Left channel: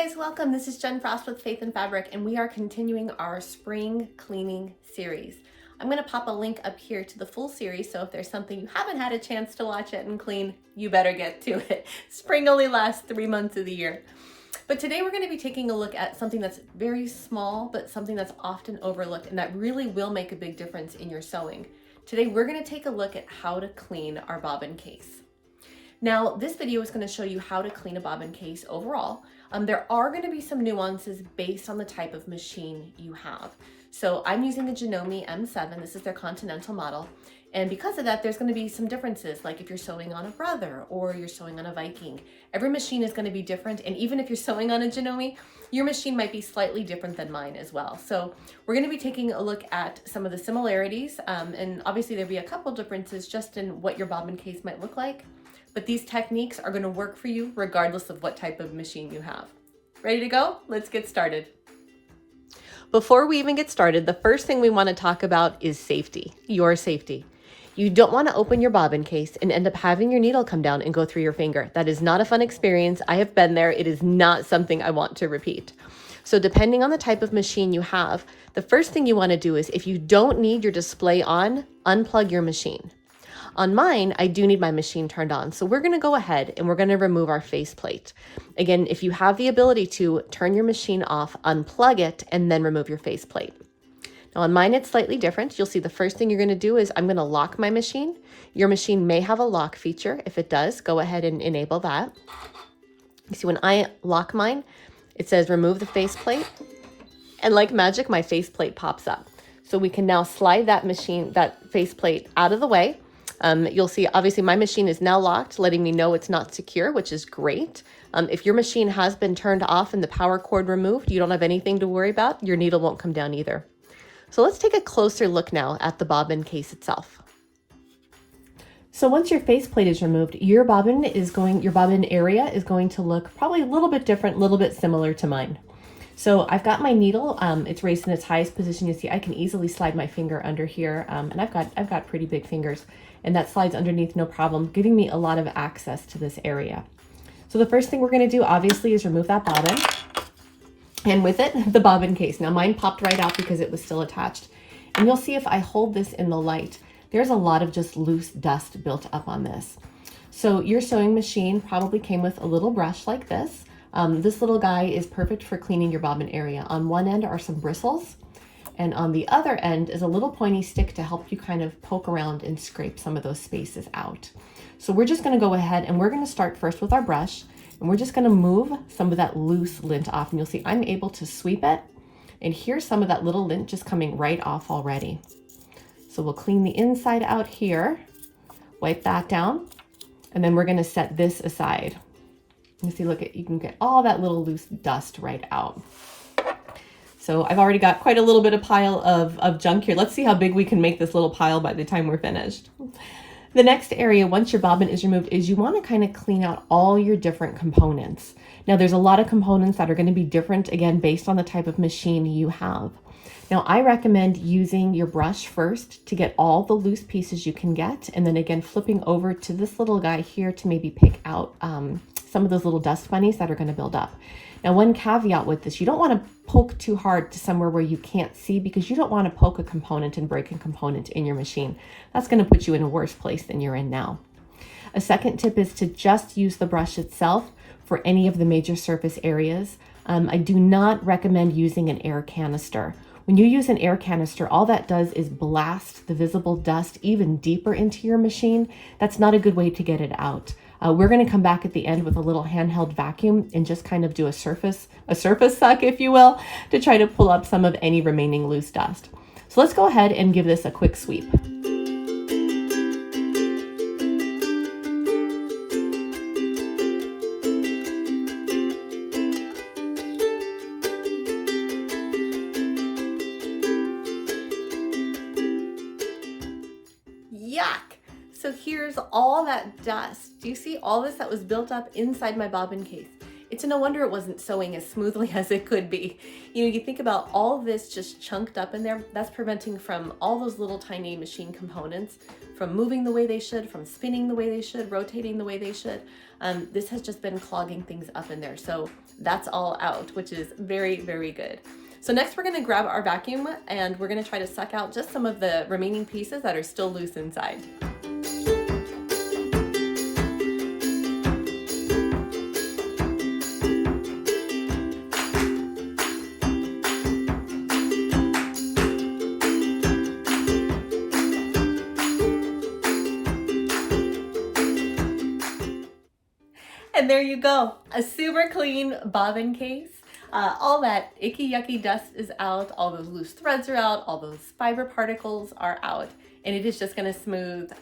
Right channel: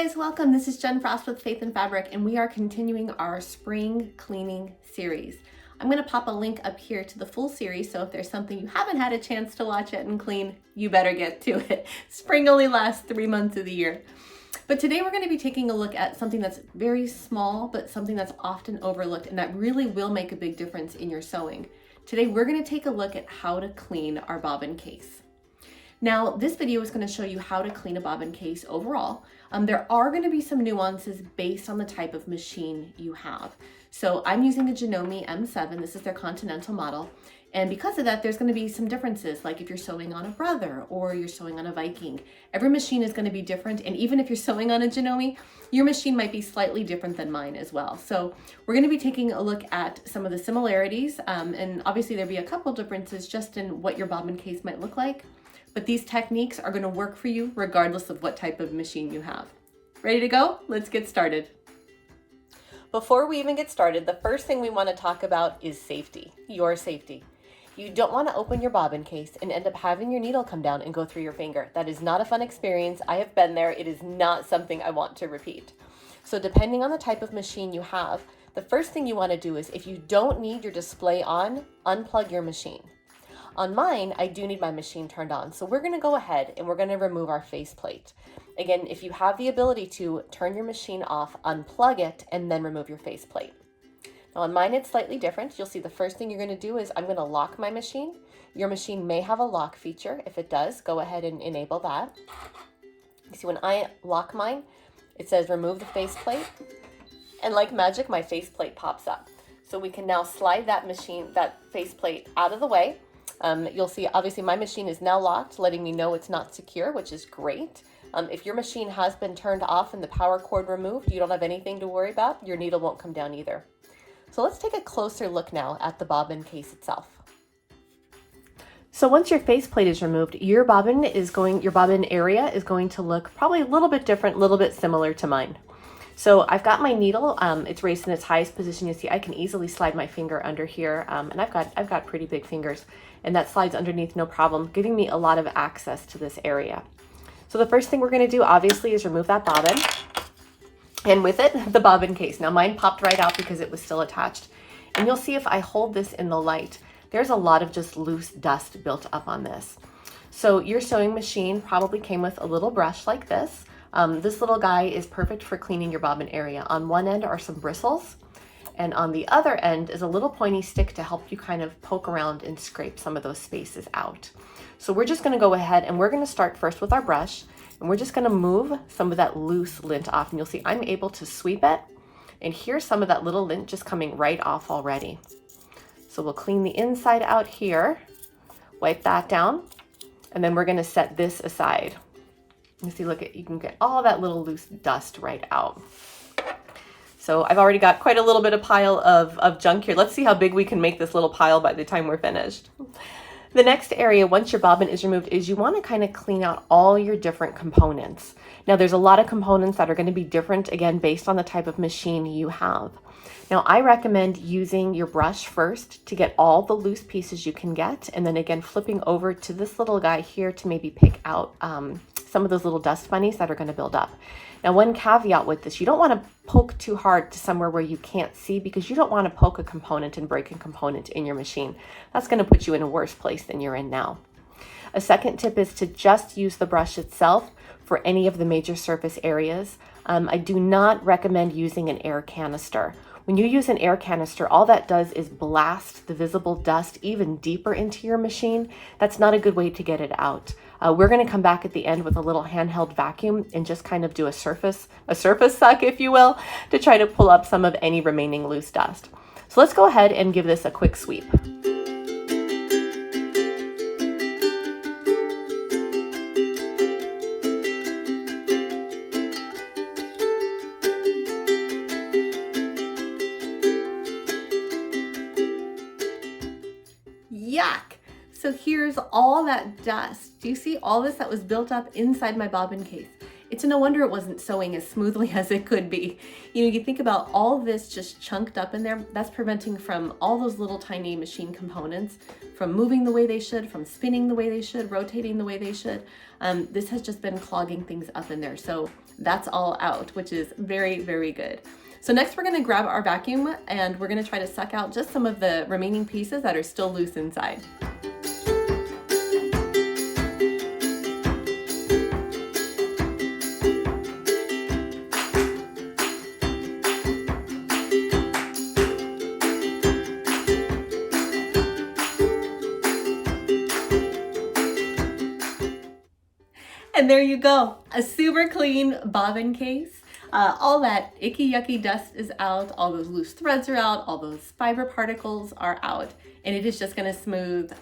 guys, welcome. This is Jen Frost with Faith and Fabric, and we are continuing our spring cleaning series. I'm going to pop a link up here to the full series, so if there's something you haven't had a chance to watch it and clean, you better get to it. Spring only lasts 3 months of the year. But today we're going to be taking a look at something that's very small, but something that's often overlooked, and that really will make a big difference in your sewing. Today we're going to take a look at how to clean our bobbin case. Now, this video is going to show you how to clean a bobbin case overall. There are going to be some nuances based on the type of machine you have. So I'm using a Janome M7. This is their Continental model. And because of that, there's going to be some differences, like if you're sewing on a Brother or you're sewing on a Viking. Every machine is going to be different. And even if you're sewing on a Janome, your machine might be slightly different than mine as well. So we're going to be taking a look at some of the similarities. And obviously there'll be a couple differences just in what your bobbin case might look like. But these techniques are going to work for you regardless of what type of machine you have. Ready to go? Let's get started. Before we even get started, the first thing we want to talk about is safety, your safety. You don't want to open your bobbin case and end up having your needle come down and go through your finger. That is not a fun experience. I have been there. It is not something I want to repeat. So depending on the type of machine you have, the first thing you want to do is, if you don't need your display on, unplug your machine. On mine, I do need my machine turned on. So we're going to go ahead and we're going to remove our faceplate. Again, if you have the ability to turn your machine off, unplug it, and then remove your faceplate. Now on mine, it's slightly different. You'll see the first thing you're going to do is I'm going to lock my machine. Your machine may have a lock feature. If it does, go ahead and enable that. You see, when I lock mine, it says remove the faceplate. And like magic, my faceplate pops up. So we can now slide that faceplate out of the way. You'll see, obviously my machine is now locked, letting me know it's not secure, which is great. If your machine has been turned off and the power cord removed, you don't have anything to worry about. Your needle won't come down either. So let's take a closer look now at the bobbin case itself. So once your faceplate is removed, your bobbin area is going to look probably a little bit different, a little bit similar to mine. So I've got my needle, it's raised in its highest position. You see, I can easily slide my finger under here, and I've got pretty big fingers, and that slides underneath no problem, giving me a lot of access to this area. So the first thing we're gonna do, obviously, is remove that bobbin, and with it, the bobbin case. Now mine popped right out because it was still attached. And you'll see if I hold this in the light, there's a lot of just loose dust built up on this. So your sewing machine probably came with a little brush like this. This little guy is perfect for cleaning your bobbin area. On one end are some bristles, and on the other end is a little pointy stick to help you kind of poke around and scrape some of those spaces out. So we're just going to go ahead and we're going to start first with our brush, and we're just going to move some of that loose lint off. And you'll see I'm able to sweep it, and here's some of that little lint just coming right off already. So we'll clean the inside out here, wipe that down, and then we're going to set this aside. You see, look, you can get all that little loose dust right out. So I've already got quite a little bit of pile of junk here. Let's see how big we can make this little pile by the time we're finished. The next area, once your bobbin is removed, is you want to kind of clean out all your different components. Now there's a lot of components that are going to be different, again, based on the type of machine you have. Now I recommend using your brush first to get all the loose pieces you can get, and then again flipping over to this little guy here to maybe pick out some of those little dust bunnies that are going to build up. Now one caveat with this, you don't want to poke too hard to somewhere where you can't see, because you don't want to poke a component and break a component in your machine. That's going to put you in a worse place than you're in now. A second tip is to just use the brush itself for any of the major surface areas. I do not recommend using an air canister. When you use an air canister, all that does is blast the visible dust even deeper into your machine. That's not a good way to get it out. We're going to come back at the end with a little handheld vacuum and just kind of do a surface suck, if you will, to try to pull up some of any remaining loose dust. So let's go ahead and give this a quick sweep. Yuck! So here's all that dust. Do you see all this that was built up inside my bobbin case? It's no wonder it wasn't sewing as smoothly as it could be. You know, you think about all this just chunked up in there, that's preventing from all those little tiny machine components from moving the way they should, from spinning the way they should, rotating the way they should. This has just been clogging things up in there. So that's all out, which is very, very good. So next we're gonna grab our vacuum and we're gonna try to suck out just some of the remaining pieces that are still loose inside. And there you go, a super clean bobbin case. All that icky yucky dust is out, all those loose threads are out, all those fiber particles are out, and it is just gonna smooth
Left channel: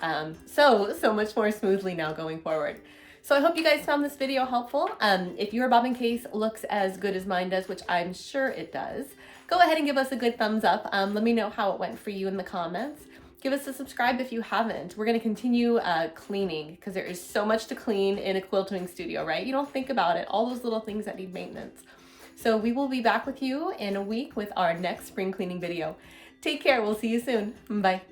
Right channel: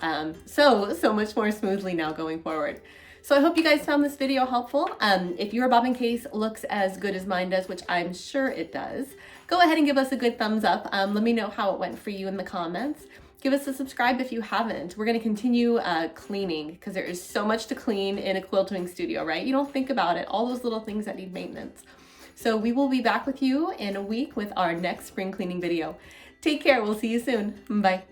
so much more smoothly now going forward. So I hope you guys found this video helpful. If your bobbin case looks as good as mine does, which I'm sure it does, go ahead and give us a good thumbs up. Let me know how it went for you in the comments. Give us a subscribe if you haven't. We're gonna continue cleaning because there is so much to clean in a quilting studio, right? You don't think about it, all those little things that need maintenance. So we will be back with you in a week with our next spring cleaning video. Take care, we'll see you soon. Bye.